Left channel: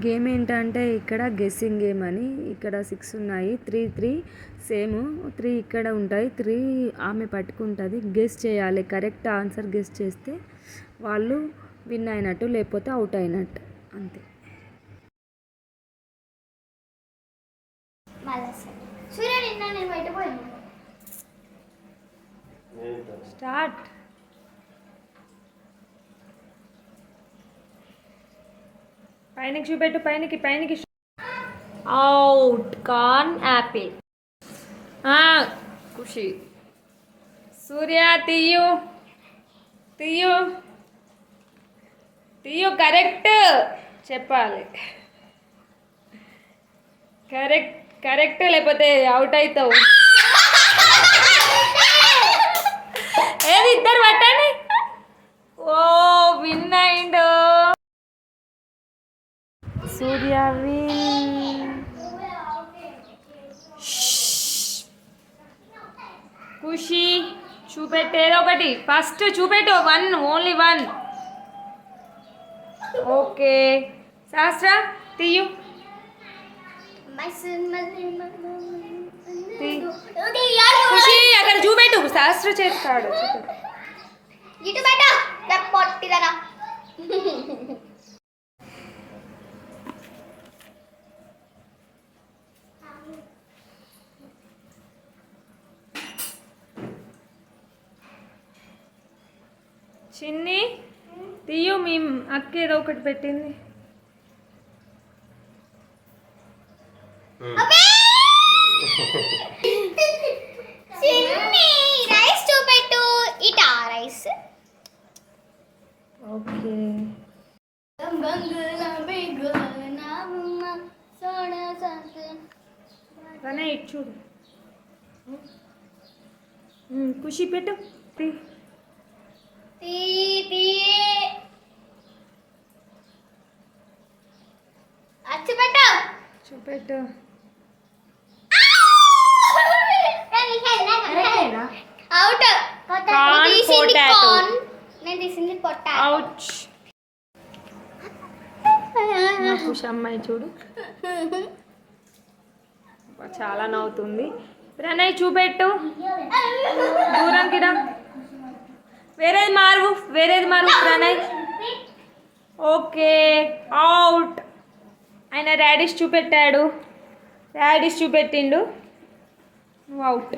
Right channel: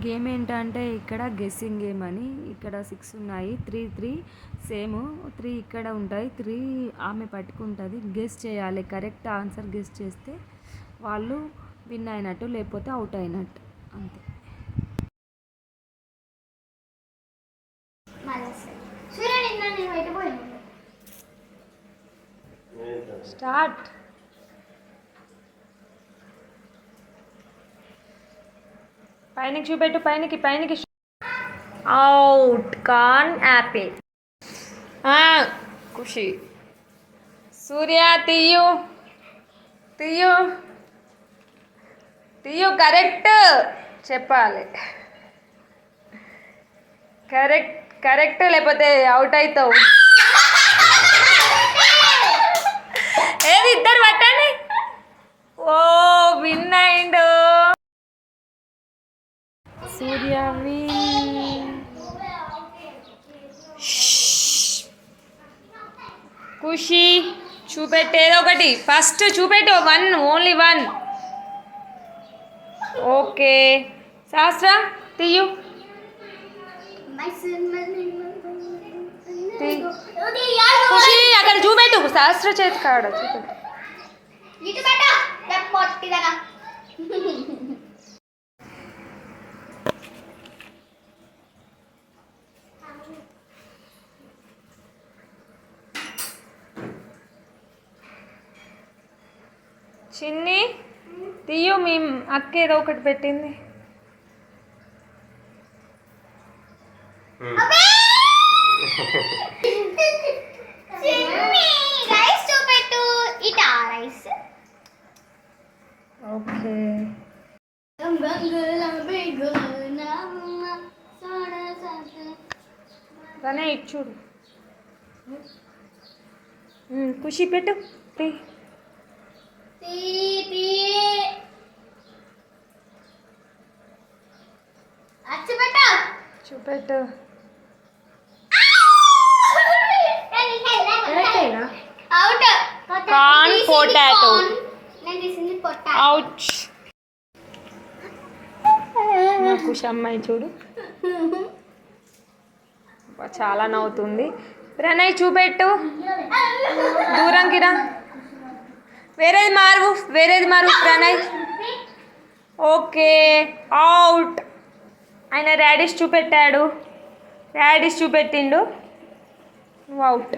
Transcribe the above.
Game ఏంటంటే ఇక్కడ guessing game అని. ఇక్కడ 6 ఉన్నాయి, 3 సేమ్. 3 ఇక్కడ ఉంటాయి, 3 ఆమె పట్టుకుంటుంది. గెస్ చేయాలి, కరెక్ట్ ఆన్సర్ గెస్ చేస్తే వాళ్ళు విన్ అయినట్టు, లేకపోతే అవుట్ అయినట్టు, అంతే. స్టార్ట్. పైనకి చూపెట్టు, పైనకి. Out. Corn apple. Khushi. Surya తీయు కరెక్ట్ చెప్పాలి. కరెక్ట్ లేకపోతే అవుట్ అవుతావు. ఏది ఇద్దరు పట్టండి. ఓ విన్ అయిండు సూర్య. ఖుషి చూపెట్టేదో ఒకటి, ఫస్ట్ చూపెట్టు. 1, ఓన్లీ 1. ఓకే. శాస్త్ర తీయు. ఖుషి అక్కడ చూపెట్టు, శాస్త్ర చేతి కాడ చూపెట్టు. చిన్ని తీయు, మీ అక్క ఏదో ఒకటి పెట్టింది. ఓకే. రనే ఇటు చూడు. ఖుషి పెట్టు. చూపెట్టు. Corn potato. అవుట్. మా ఖుషి అమ్మాయి చూడు, చాలా నవ్వుతుంది. ప్రణయ్ చూపెట్టు, దూరంకి రా. వేరేది మారు ప్రణయ్. ఓకే. అవుట్. ఆయన రాడిష్ చూపెట్టిండు. అవుట్.